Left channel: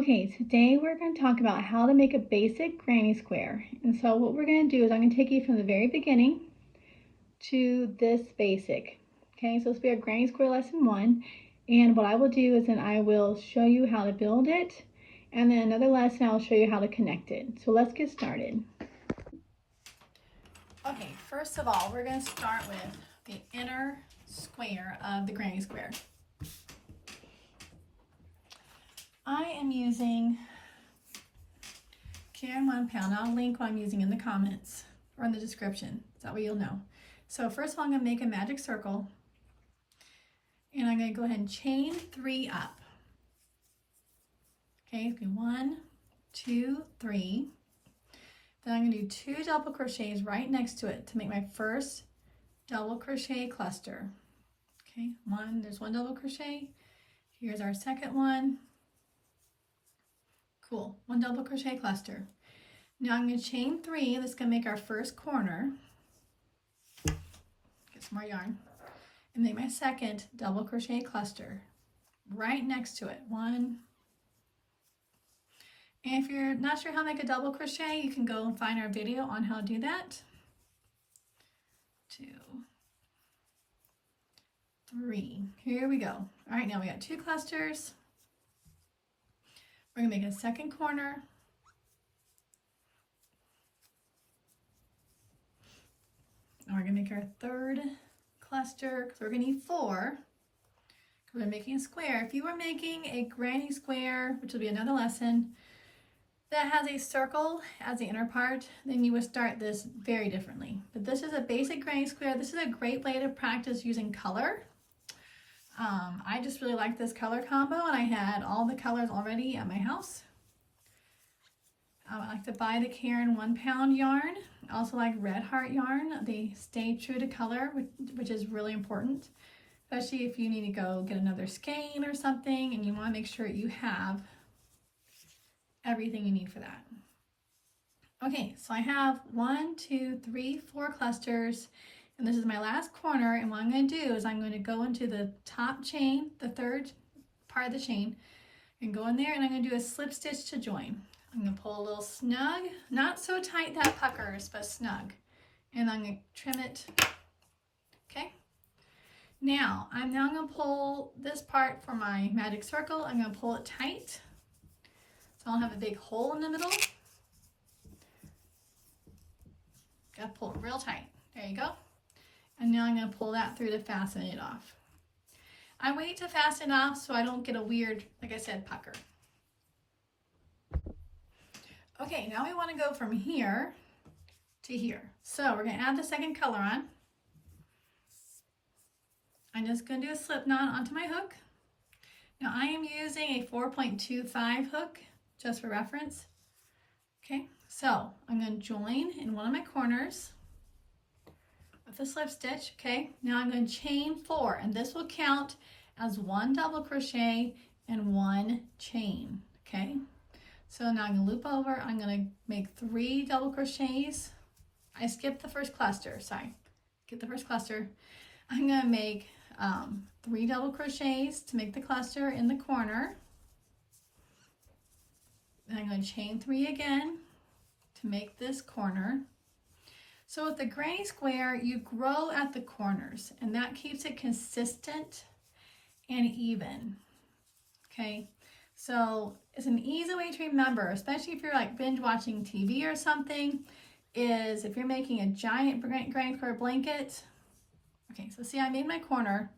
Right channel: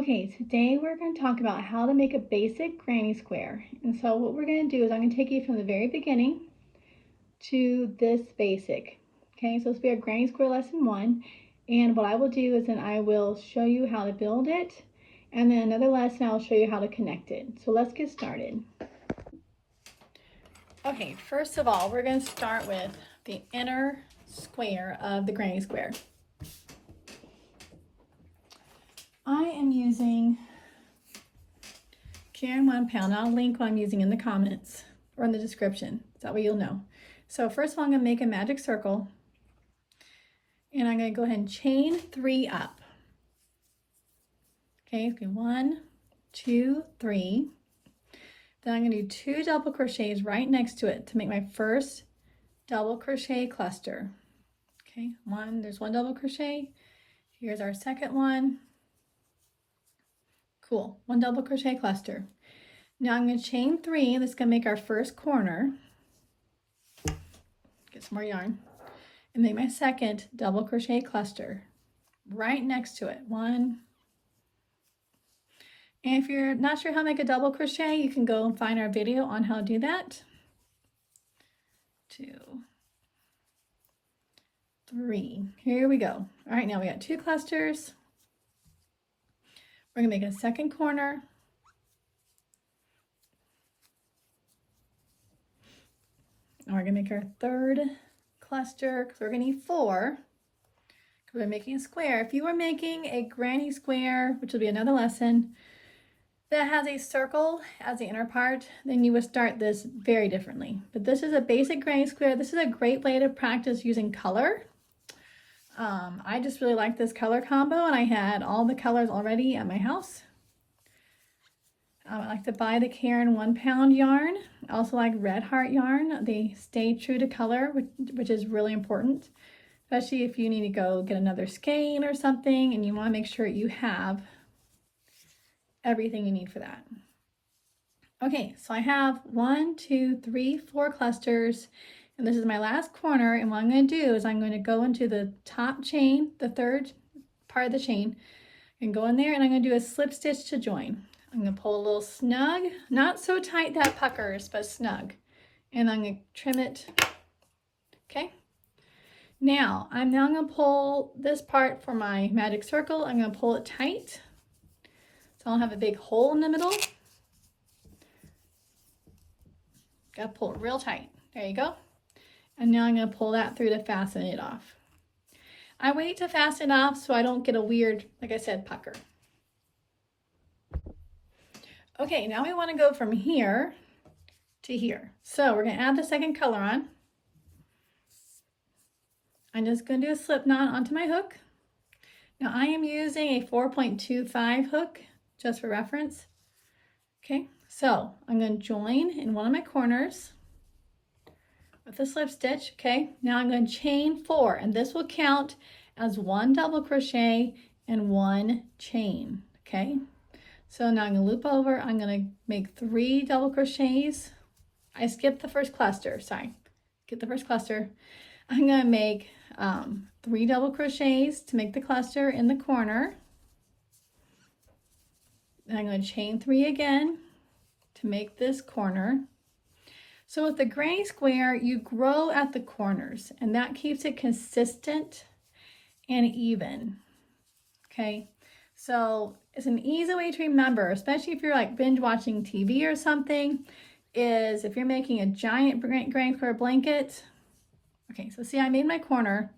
Okay, today we're going to talk about how to make a basic granny square. And so what we're going to do is I'm going to take you from the very beginning to this basic. Okay, so this will be our granny square lesson 1. And what I will do is then I will show you how to build it. And then another lesson I will show you how to connect it. So let's get started. Okay, first of all, we're going to start with the inner square of the granny square. I am using Caron 1 pound. I'll link what I'm using in the comments or in the description. That way you'll know. So first of all, I'm going to make a magic circle. And I'm going to go ahead and chain 3 up. Okay, it's going to be 1, 2, 3. Then I'm going to do 2 double crochets right next to it to make my first double crochet cluster. Okay, there's 1 double crochet. Here's our second one. Cool, 1 double crochet cluster. Now I'm going to chain 3. This is going to make our first corner. Get some more yarn. And make my second double crochet cluster right next to it. 1. And if you're not sure how to make a double crochet, you can go and find our video on how to do that. 2, 3. Here we go. All right, now we got 2 clusters. We're going to make a second corner. And we're going to make our third cluster because we're going to need 4. We're making a square. If you were making a granny square, which will be another lesson, that has a circle as the inner part, then you would start this very differently. But this is a basic granny square. This is a great way to practice using color. I just really like this color combo, and I had all the colors already at my house. I like to buy the Caron 1 pound yarn. I also like Red Heart yarn. They stay true to color, which is really important, especially if you need to go get another skein or something and you want to make sure you have everything you need for that. Okay, so I have 1, 2, 3, 4 clusters, and this is my last corner. And what I'm going to do is I'm going to go into the top chain, the third part of the chain, and go in there, and I'm going to do a slip stitch to join. I'm going to pull a little snug, not so tight that puckers, but snug. And I'm going to trim it. Okay. Now I'm going to pull this part for my magic circle. I'm going to pull it tight, so I'll have a big hole in the middle. Got to pull it real tight. There you go. And now I'm going to pull that through to fasten it off. I wait to fasten it off so I don't get a weird, like I said, pucker. Okay, now we want to go from here to here. So we're going to add the second color on. I'm just going to do a slip knot onto my hook. Now I am using a 4.25 hook just for reference. Okay, so I'm going to join in one of my corners with a slip stitch. Okay, now I'm going to chain 4, and this will count as 1 double crochet and 1 chain. Okay, so now I'm going to loop over. I'm going to make 3 double crochets. I skipped the first cluster, sorry. Get the first cluster. I'm going to make 3 double crochets to make the cluster in the corner. And I'm going to chain 3 again to make this corner. So with the granny square, you grow at the corners, and that keeps it consistent and even. Okay, so it's an easy way to remember, especially if you're like binge watching TV or something, is if you're making a giant granny square blanket. Okay, so see, I made my corner.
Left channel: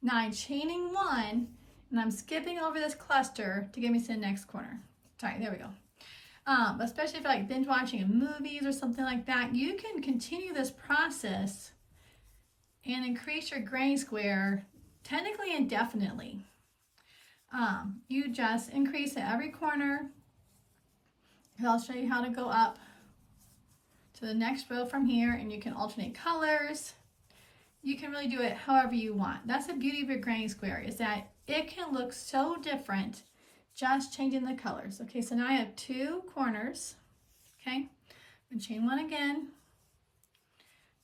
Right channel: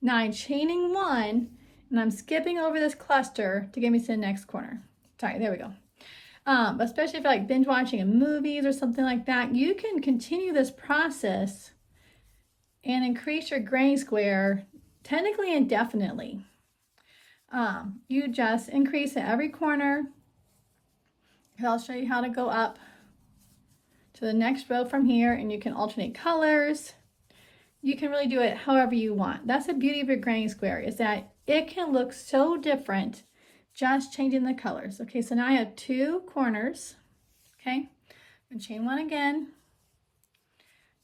Now I'm chaining 1, and I'm skipping over this cluster to get me to the next corner. Sorry, there we go. Especially if you're like binge watching in movies or something like that, you can continue this process and increase your granny square technically indefinitely. You just increase at every corner. I'll show you how to go up to the next row from here, and you can alternate colors. You can really do it however you want. That's the beauty of your granny square, is that it can look so different just changing the colors. Okay, so now I have 2 corners. Okay, and chain 1 again.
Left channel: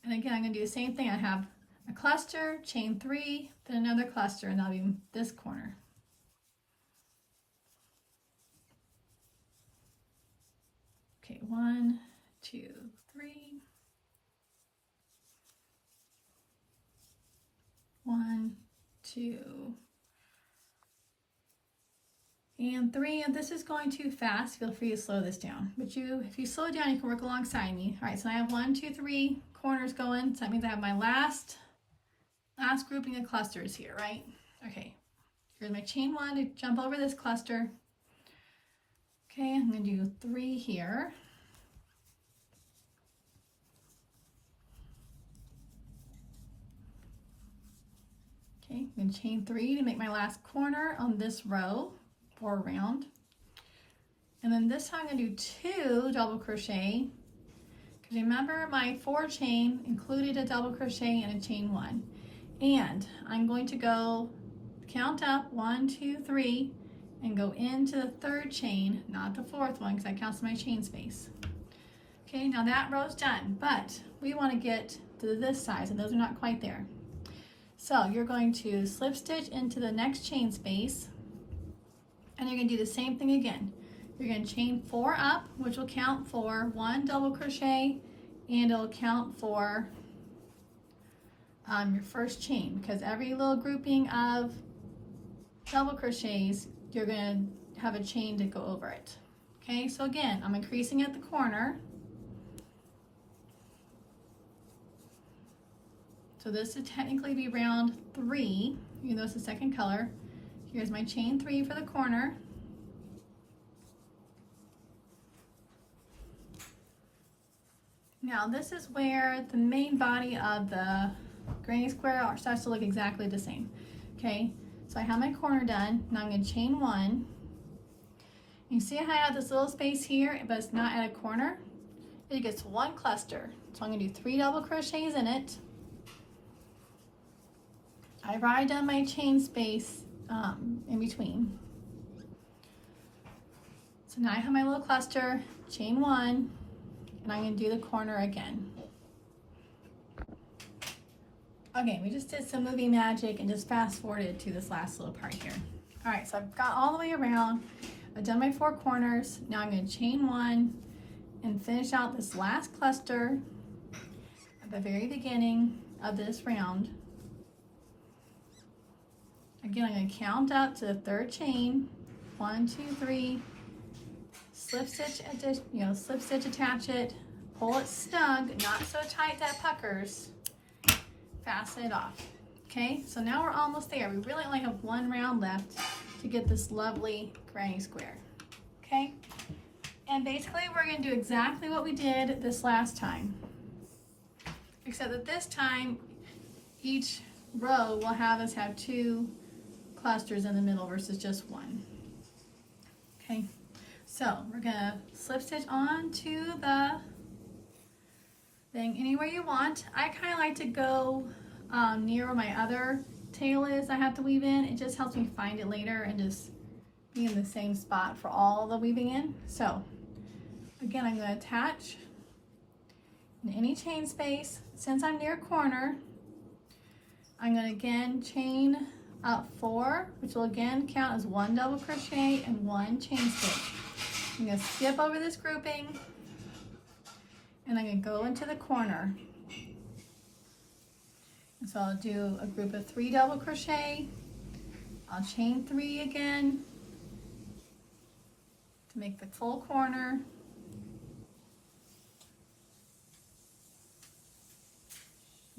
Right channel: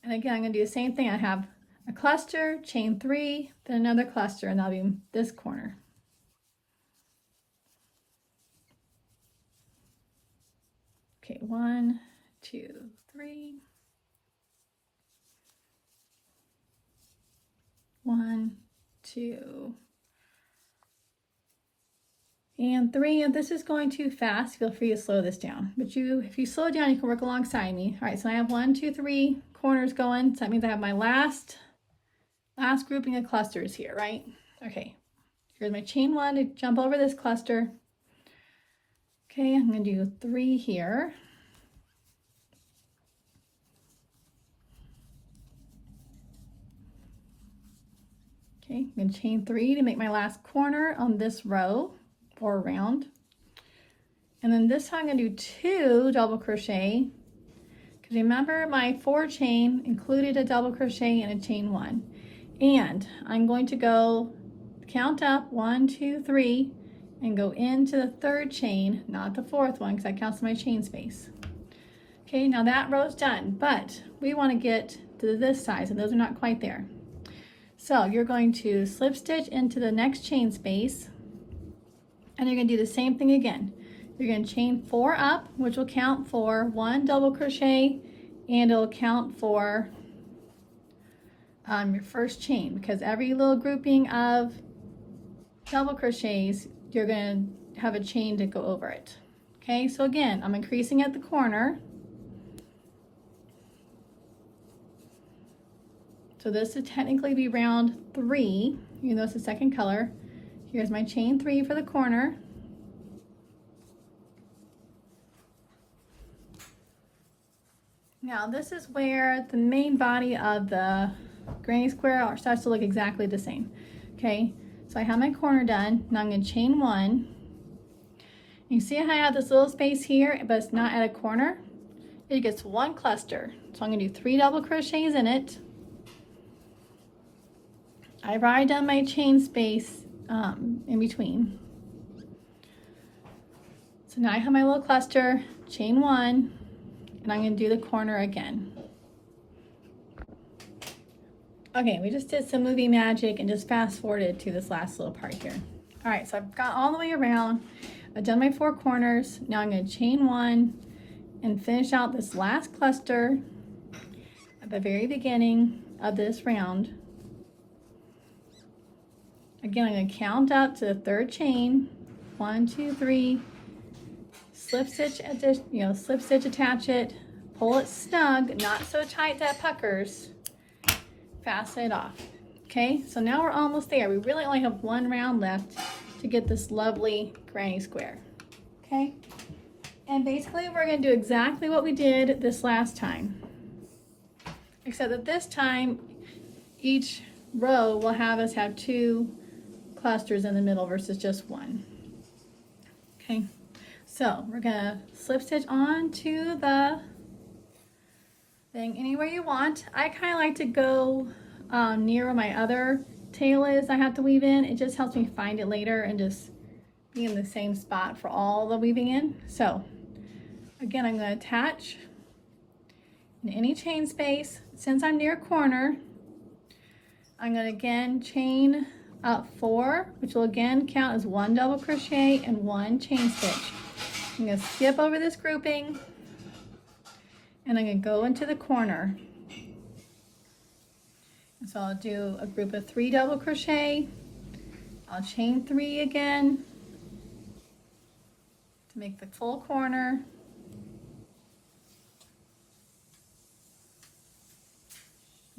And again, I'm going to do the same thing. I have a cluster, chain 3, then another cluster, and that'll be this corner. Okay, 1, 2, 3. 1, 2, and 3. If this is going too fast, feel free to slow this down. But if you slow it down, you can work alongside me. All right, so I have 1, 2, 3 corners going. So that means I have my last grouping of clusters here, right? Okay, here's my chain 1 to jump over this cluster. Okay, I'm going to do 3 here. Okay, I'm going to chain 3 to make my last corner on this row or round. And then this time I'm going to do 2 double crochet, because remember my 4 chain included a double crochet and a chain 1. And I'm going to go count up 1, 2, 3 and go into the 3rd chain, not the 4th one, because that counts my chain space. Okay, now that row's done, but we want to get to this side, so those are not quite there. So you're going to slip stitch into the next chain space, and you're going to do the same thing again. You're going to chain 4 up, which will count for 1 double crochet, and it'll count for your first chain, because every little grouping of double crochets, you're going to have a chain to go over it. Okay, so again, I'm increasing at the corner. So this would technically be round 3, even though it's the second color. Here's my chain 3 for the corner. Now this is where the main body of the granny square starts to look exactly the same. Okay, so I have my corner done. Now I'm going to chain 1. You see how I have this little space here, but it's not at a corner? It gets 1 cluster. So I'm going to do 3 double crochets in it. I've already done my chain space in between. So now I have my little cluster, chain 1, and I'm going to do the corner again. Okay, we just did some movie magic and just fast forwarded to this last little part here. All right, so I've got all the way around. I've done my 4 corners. Now I'm going to chain 1 and finish out this last cluster at the very beginning of this round. Again, I'm going to count up to the 3rd chain. 1, 2, 3. Slip stitch, slip stitch, attach it, pull it snug, not so tight that puckers. Fasten it off. Okay, so now we're almost there. We really only have 1 round left to get this lovely granny square. Okay, and basically we're going to do exactly what we did this last time, except that this time each row will have us have 2 clusters in the middle versus just 1. Okay, so we're going to slip stitch on to the thing anywhere you want. I kind of like to go near where my other tail is I have to weave in. It just helps me find it later and just be in the same spot for all the weaving in. So again, I'm going to attach in any chain space. Since I'm near a corner, I'm going to again chain up 4, which will again count as 1 double crochet and 1 chain stitch. I'm going to skip over this grouping, and I'm going to go into the corner. And so I'll do a group of 3 double crochet. I'll chain 3 again to make the full corner.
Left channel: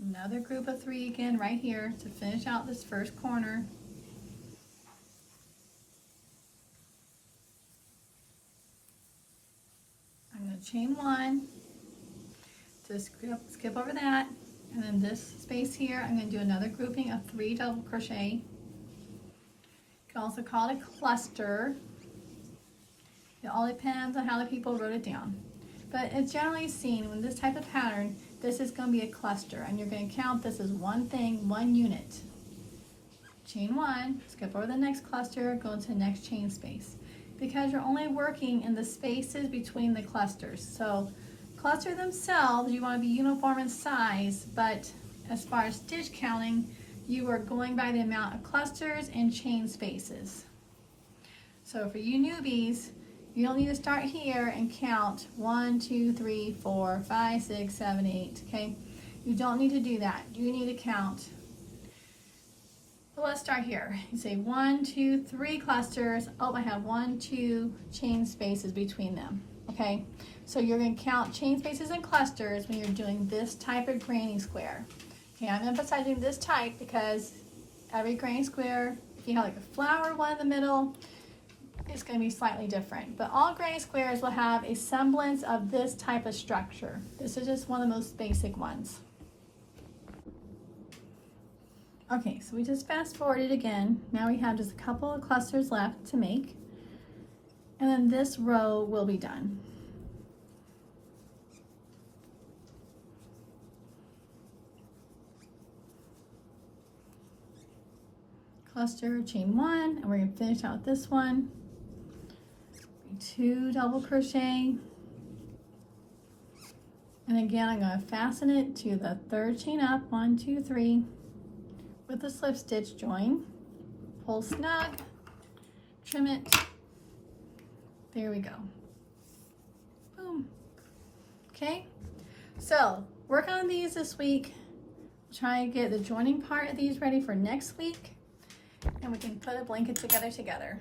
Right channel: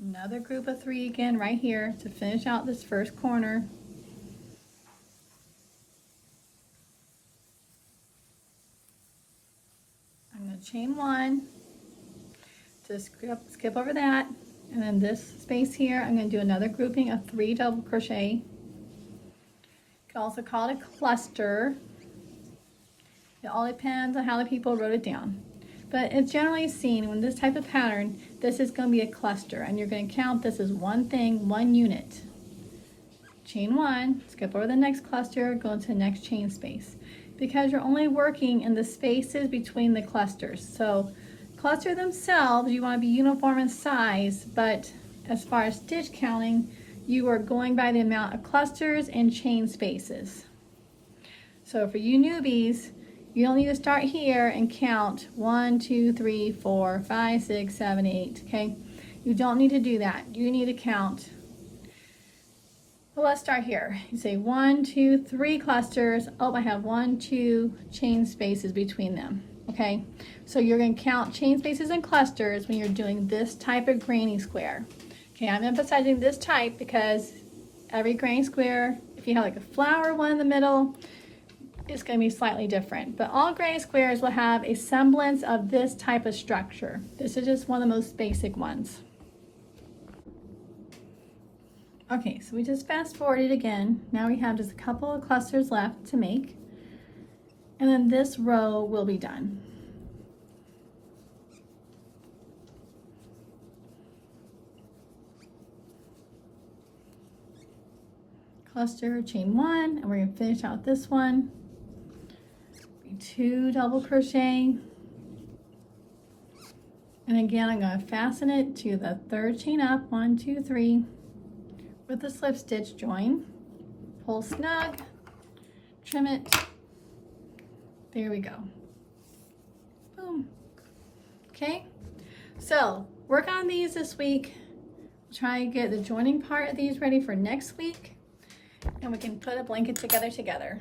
Another group of 3 again right here to finish out this first corner. I'm going to chain 1, just skip over that, and then this space here I'm going to do another grouping of 3 double crochet. You can also call it a cluster. It all depends on how the people wrote it down. But it's generally seen when this type of pattern, this is going to be a cluster, and you're going to count this as one thing, 1 unit. Chain 1, skip over the next cluster, go into the next chain space, because you're only working in the spaces between the clusters. So cluster themselves, you want to be uniform in size, but as far as stitch counting, you are going by the amount of clusters and chain spaces. So for you newbies, You don't need to start here and count 1, 2, 3, 4, 5, 6, 7, 8, okay? You don't need to do that. You need to count. Well, let's start here. You say 1, 2, 3 clusters. Oh, I have 1, 2 chain spaces between them, okay? So you're going to count chain spaces and clusters when you're doing this type of granny square. Okay, I'm emphasizing this type because every granny square, if you have like a flower one in the middle, it's going to be slightly different. But all granny squares will have a semblance of this type of structure. This is just one of the most basic ones. Okay, so we just fast forwarded again. Now we have just a couple of clusters left to make. And then this row will be done. Cluster, chain 1, and we're going to finish out this one. 2 double crochet, and again I'm going to fasten it to the 3rd chain up, 1, 2, 3, with the slip stitch join, pull snug, trim it, there we go, boom. Okay, so work on these this week. Try and get the joining part of these ready for next week, and we can put a blanket together.